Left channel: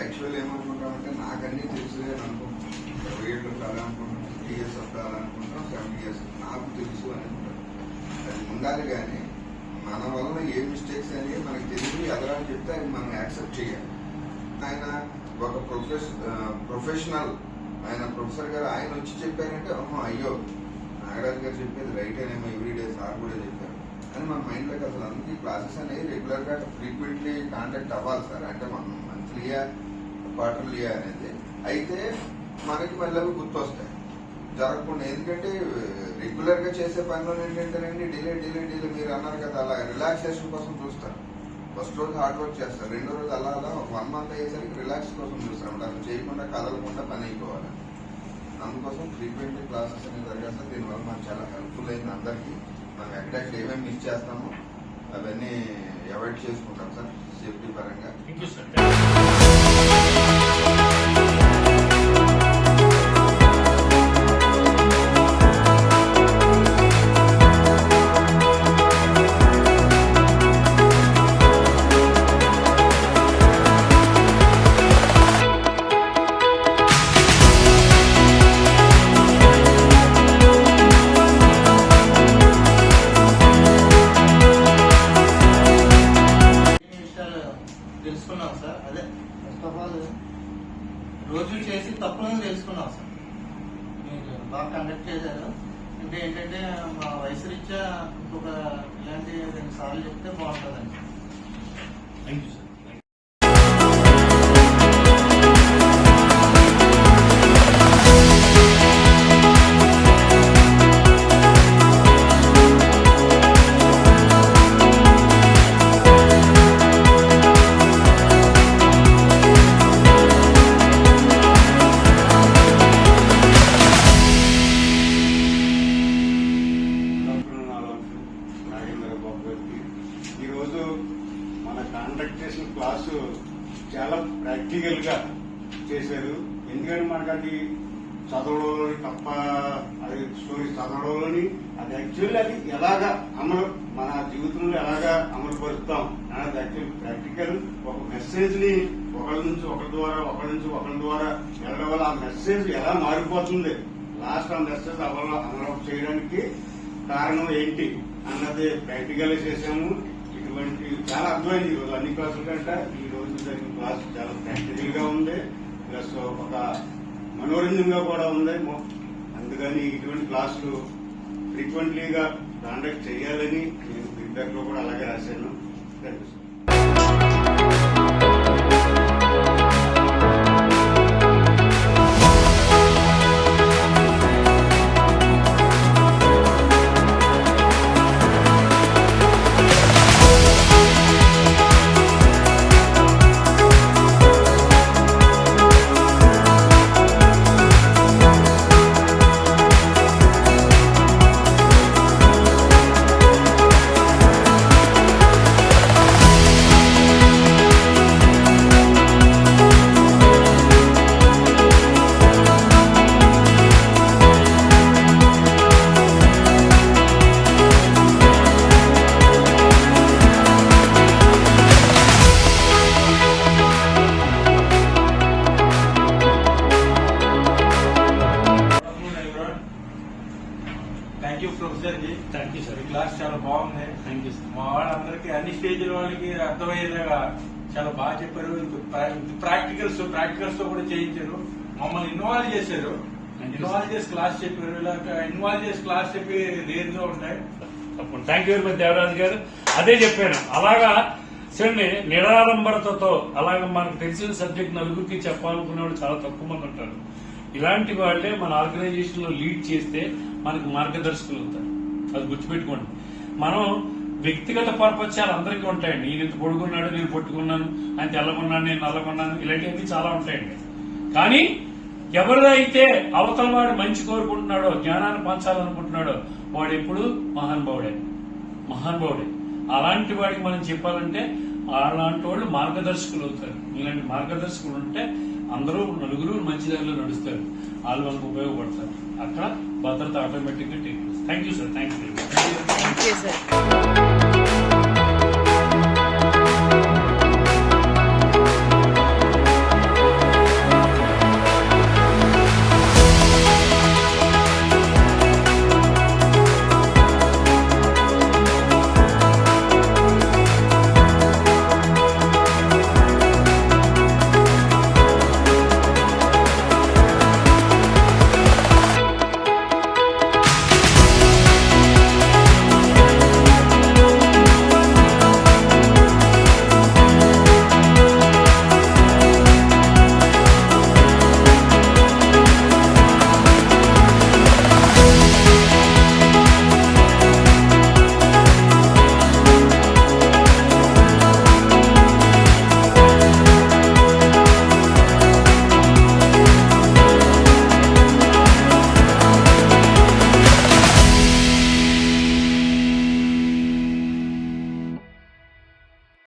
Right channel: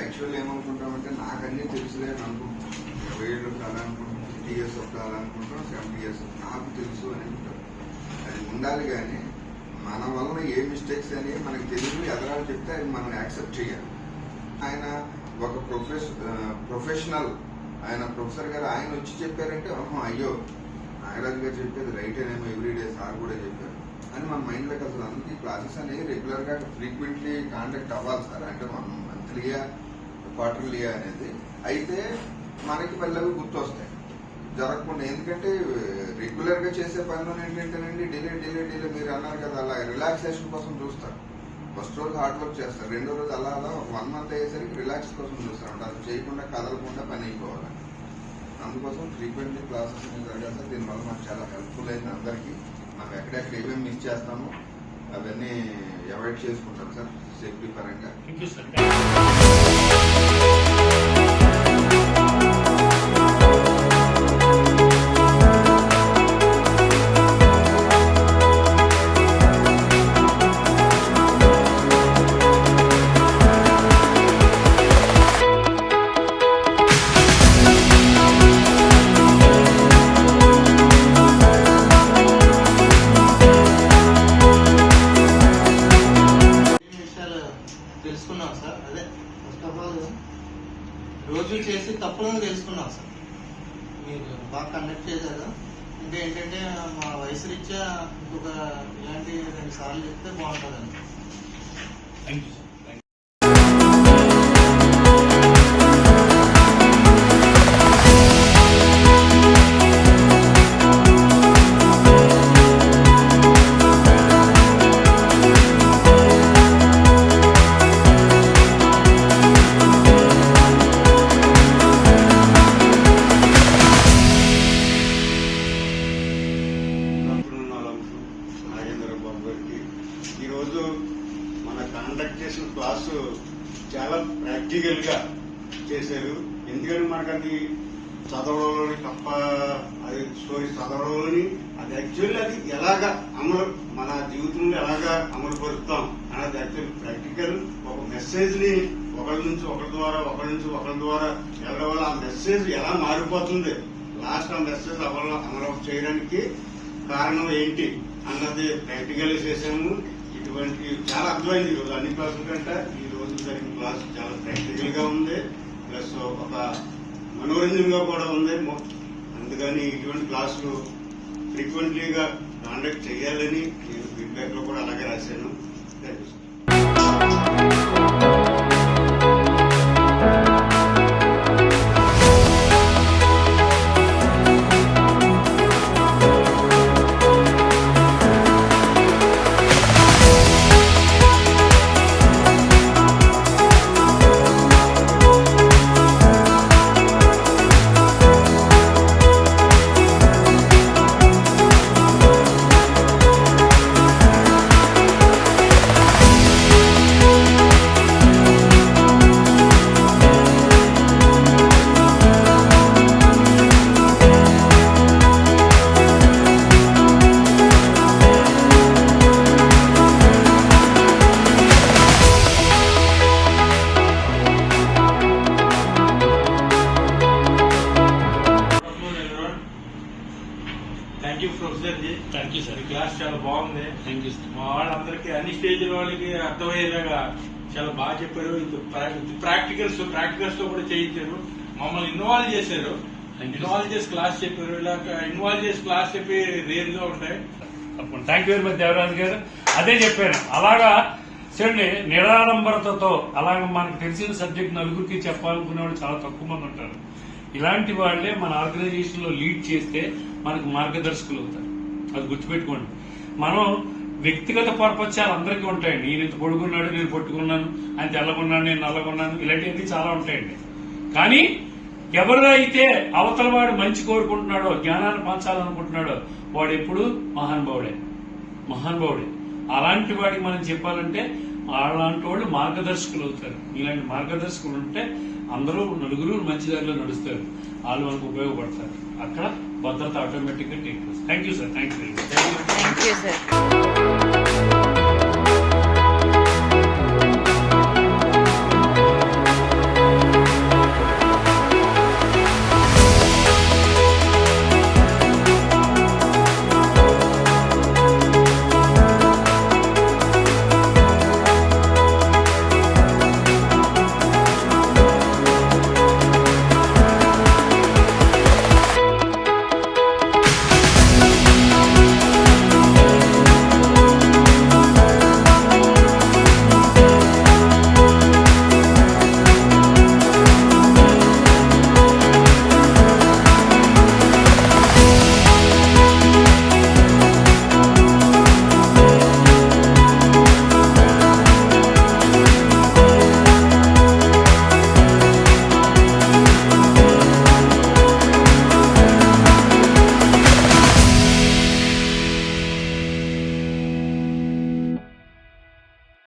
Actual ఏమనుకుంటామంటే నాకన్నీ తెలుసులే అని అనుకుంటాం. 70 ఏళ్ళు కాలనుకుంటాం, 50 years కాలనుకుంటాం, 70 years నాకు తెలుసు అని ఉంటాం. అది ఉండాలి. కానీ మన వలన ఏ మిస్టేక్స్ అని మనకు తెలుసు ఎదరాలు చెప్తే అది మనం యాక్సెప్ట్ చేయాలి. ఆయన ఒక ప్రొఫెషనల్, ఆయన ప్రొఫెసర్ గారు ఆయన వచ్చి చెప్పారంటే అయ్యో నాగరాజు గారు చెప్పేది రైట్ అనేమో, ఎవ్రీడే సార్ కూడా చెప్పారు అని మన మైండ్లోకి అసలు అందుకే క్లాసెస్ అనేవి రెగ్యులర్ గా ఫ్రీక్వెంట్లీ కాంటాక్ట్ అవ్వాలి సార్. అంటే మనం మంత్లీయా క్వార్టర్లీయా అనేది అయితే మనకి మళ్ళీ గుర్తొస్తాయి జరగకుండా. ఎందుకంటే రెగ్యులర్ గా చేసే పనిలో ఏంటంటేనండి డిలే మీరు అన్నారు కదా, అలా రిలాక్సేషన్ కోసం చూస్తారు. ఫస్ట్ రోజు హార్డ్ వర్క్ చేస్తారు, రెండో రోజు అలా 1 month అయ్యేసరికి రిలాక్స్ కోసం చూస్తారు. అసలు చేయకుండా కదలకుండా పని అయిపోవాలి. అందుకోసం ఫ్రీక్వెంట్లీ క్లాసెస్ అనేది జరగాలి సార్. దీనివల్ల మనకు చాలా హెల్ప్ఫుల్ అయింది అందరికీ. మనం ఎక్కడెక్కడ ఏమేమి మిస్ చేస్తామో అవన్నీ అవాయిడ్ చేసుకుంటాం సార్ సేఫ్టీ పరంగా. తెలుసుకున్నాం సార్. అదే ఫస్ట్ ఆఫ్ ఆల్ రోజు చేసి తప్పులను తెలుసుకున్నాం సార్. మీరు బాగా కండక్ట్ చేశారు. అంటే ఏంటంటే మా వయసు రీత్యా ఇంకొక ఇలాంటి 2 సార్లు చెప్తే బాగుంటుందండి. Thank you sir. ఈరోజు మన కాండక్ట్ చేసిన క్లాసు చాలా ప్రాక్టికల్ గా చేశారు. ఎందుకంటే మనకు అది చదవడంలోని తప్ప, అది స్టోరీ చదవడంలోని అది యాక్చువల్లీ అది ఎలాగా మన జీవితంలో ఎలాగా అమలు పరుస్తాం అనేది యాక్చువల్ ప్రాక్టికల్. ఒక మెసేజ్ ని ఒకరి నుంచి ఒకరి ద్వారా వెళ్ళడం వల్ల ఆ మెసేజ్ ఎలా మారిపోతుంది, లాస్ట్ ఆ మెసేజ్ అమలు చేయడానికి కారణం ఏంటి అన్నది ప్రాక్టికల్ చేసాము. ఇటువంటి చాలా అర్థమైంది ఈరోజు అన్ని క్లాసుల కంటే ఈ రోజు జరిగిన క్లాస్ చాలా ప్రాక్టికల్ గా ఉంది, ప్లస్ ఒక మనోరంజనంగా కూడా ఉంది. అందుకని ఇటువంటి క్లాసులు ఫ్రీక్వెంట్లీగా కాండక్ట్ చేయాలని నేను ఫీడ్బ్యాక్ లో కూడా అలాగే రాశాను. Thank you. Thank you professor ji. Thank you sir. ఈ క్లాస్ చాలా బాగుంది. Thank you sir. మా వాళ్ళందరికీ అన్ని స్టేజ్ల వాళ్ళకి అర్థమయ్యేలాగా చాలా బాగా చెప్పారు. ప్రాక్టికల్స్ తో కూడా చేయించారు, మమ్మల్ని ఇన్వాల్వ్ చేశారు. ఇన్వాల్వ్ చేసి క్లాస్ చెప్పారు. ఇలా ఇన్వాల్వ్ చేసి క్లాస్ చెప్పి రేర్ గా ఉంటాయి. తప్పకుండా. Thank you very much Devaraju గారు. అదే చెప్పాను, అలాగా చూడండి నిరాడంబరతతో అలాగ మనకు తెలిసిన సబ్జెక్ట్ నలుగురికి చెప్పాలనుకునే వాళ్ళు చాలా తక్కువ మంది ఉంటారు. ఇలాంటి వాళ్లే మన ఆర్గనైజేషన్ లో లీడ్ చేస్తే మనకు మార్గదర్శకులు అవుతారు. అది గుర్తుపెట్టుకోండి. మనం వ్యక్తిగత పరపత్యాలు అందరికీ ఉంటాయండి. ఈయన ఇంత పొడుగున్నాడు, నేను పొట్టుకున్నాను, ఆయన తెల్లగొన్నాను, నేను నల్లగొన్నాను, ఇలాంటివన్నీ చాలా ఉంటాయండి. కానీ ఎవరు అయితే అవతల వాడు మంచి కోరుకుంటున్నాడో, జ్ఞానాన్ని పంచాలనుకుంటున్నాడో వాడు ఎప్పుడు మహానుభావుడే. అలాంటి వాడికి మనం చెప్పాలంటే అలాంటి వాళ్ళు మార్గదర్శకులు అవుతారు. ఇలాంటి మార్గదర్శకులు ఉంటే అందరూ నలుగురు మంచి దారిలో నడుస్తారు, వాళ్ళు మనకు ఉపయోగపడతారు. అక్కడ భద్రత ఆటోమేటిక్ గా take. Thank you sir. Thank you.